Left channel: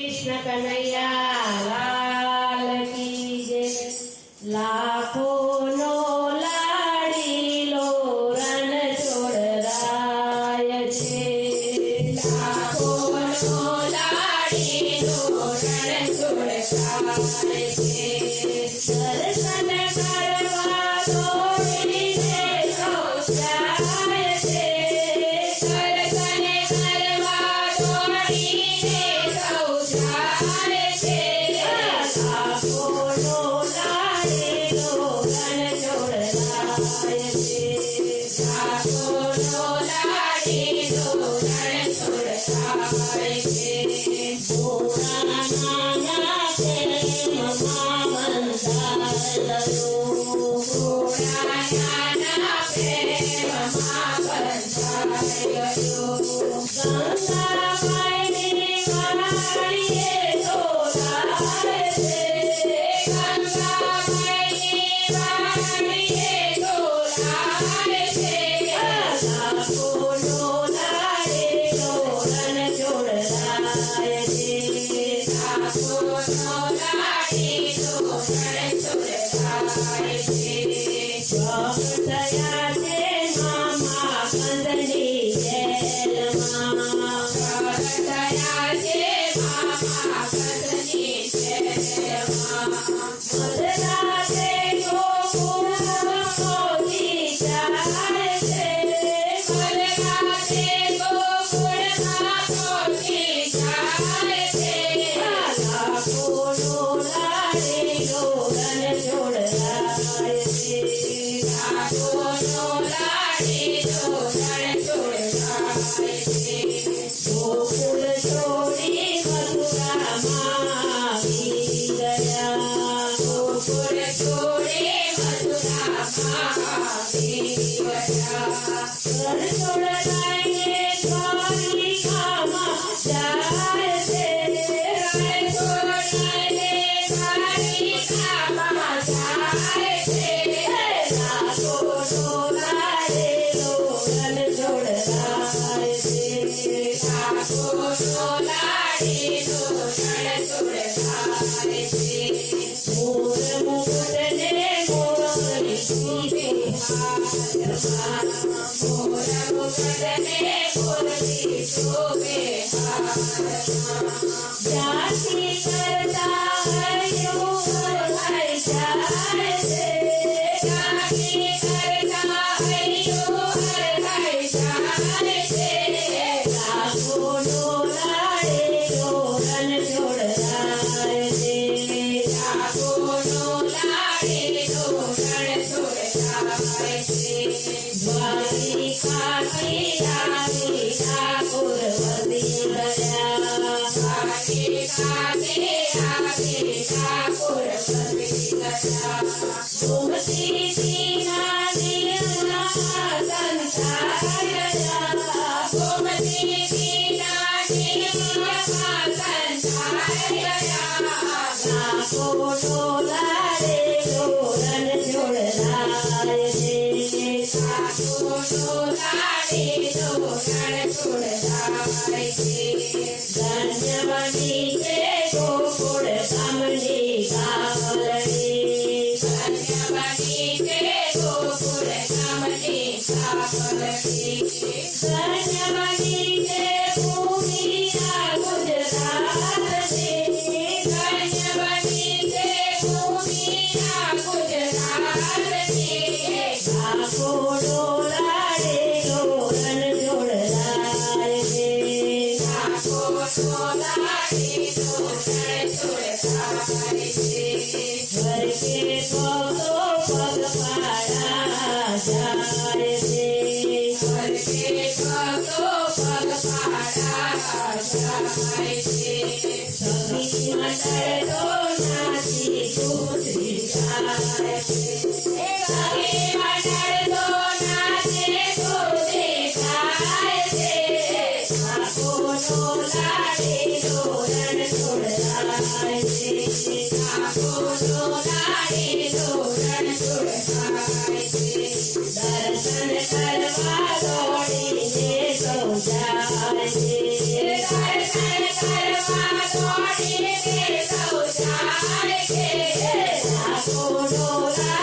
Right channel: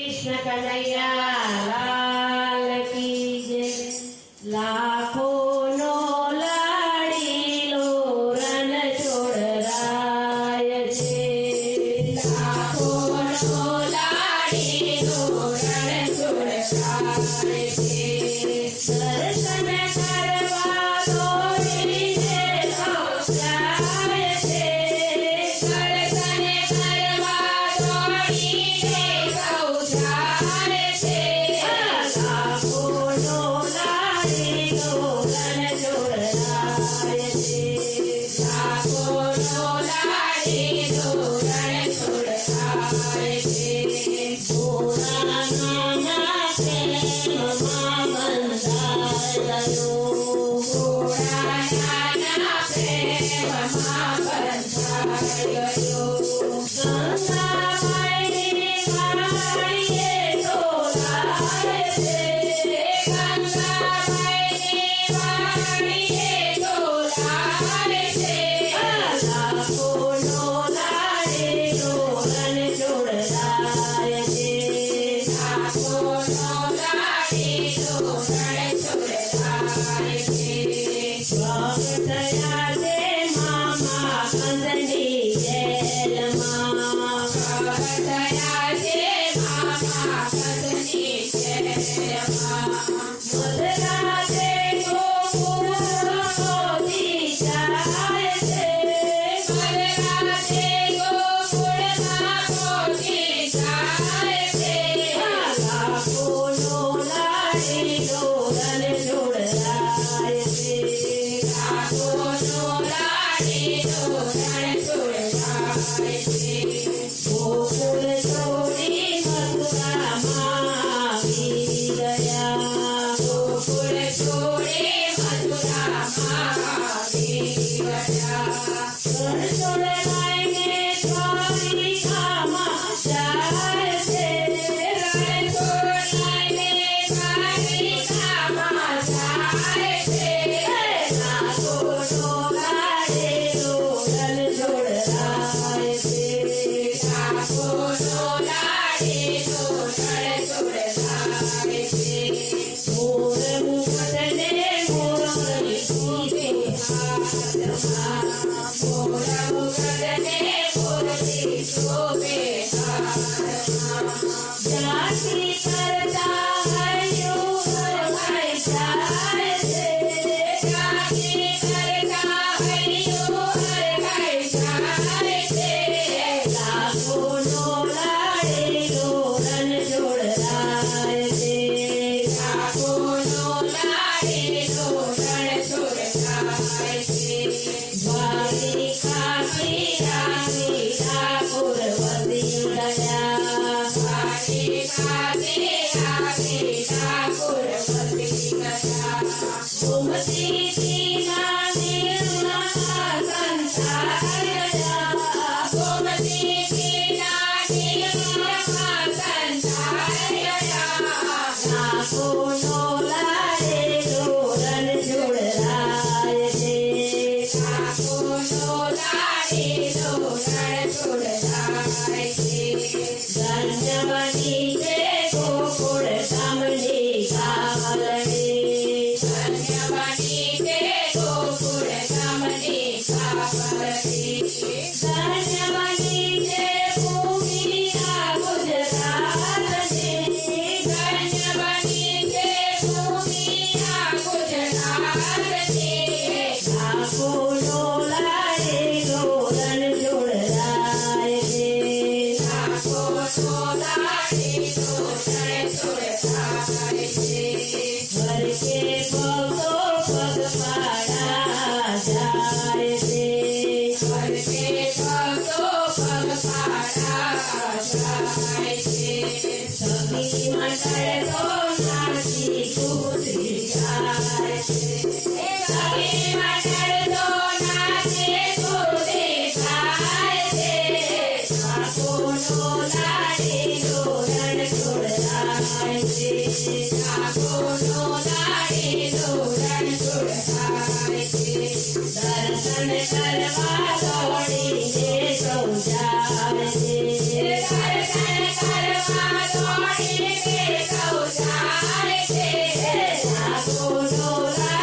कृष्ण कन्हैया लाल की जय। लाखों नो लाडीलो रण छोड़राय छे। लाखों नो लाडीलो रण छोड़राय छे। दर्शन करवा दौड़ीने सौ જાય છે। દર્શન કરવા દોડીને સૌ જાય છે। લાખોનો લાડેલો રણ છોડરાય છે। લાખોનો લાડેલો રણ છોડરાય છે। ભોળા નાના પ્રેમમાં બંધાયેલો। ભોળા નાના પ્રેમમાં બંધાયેલો। ગંગામાઈની વાડીએ ઢોલાય છે। ગંગામાઈની વાડીએ ઢોલાય છે। લાખોનો લાડેલો રણ છોડરાય છે। લાખોનો લાડેલો રણ છોડરાય છે। ભક્તયા છે મામા કંદની જેલમાં। ભક્તયા છે મામા કંદની જેલમાં। મધરા છે ગોકુળમાં મોદી જાય છે। મધરા છે ગોકુળમાં મોદી જાય છે। લાખોનો લાડેલો રણ છોડરાય છે। લાખોનો લાડેલો રણ છોડરાય છે। ગોકુળ છોડી મથુરામાં આવી ગયા। ગોકુળ છોડી મથુરામાં આવી ગયા। રણ છોડરાઈને દ્વારિકામાં જાય છે। રણ છોડરાઈને દ્વારિકામાં જાય છે। લાખોનો લાડેલો રણ છોડરાય છે। લાખોનો લાડેલો રણ છોડરાય છે। મોર મુકુટને મોરલી શોભે હાથમાં। મોર મુકુટને મોરલી શોભે હાથમાં। જાતિ કરતા હૈયું હરખાઈ જાય છે। જાતિ કરતા હૈયું હરખાઈ જાય છે। લાખોનો લાડેલો રણ છોડરાય છે। લાખોનો લાડેલો રણ છોડરાય છે। દ્વારિકાથી આવી ઠાકોર વધી ગયા। દ્વારિકાથી આવી ઠાકોર વધી ગયા। ગોમતીજીના નીરના સંસાર ગયા। ગોમતીજીના નીરના સંસાર ગયા। લાખોનો લાડેલો રણ છોડરાય છે। લાખોનો લાડેલો રણ છોડરાય છે। ધન્યવતી છે ગોકુળ ધામની કાવલડી। ધન્યવતી છે ગોકુળ ધામની કાવલડી। ધન્યવતી છે ભૂમિ આ ગુજરાતની। ધન્યવતી છે ભૂમિ આ ગુજરાતની। લાખોનો લાડેલો રણ છોડરાય છે। લાખોનો લાડેલો રણ છોડરાય છે। ઘરકે ભક્તો પગપાળા જાય છે। ઘરકે ભક્તો પગપાળા જાય છે। સખી મંડળ તો નાચી કૂદી જાય છે। સખી મંડળ તો નાચે કૂદી જાય છે। લાખોનો લાડેલો રણ છોડરાય ડોલા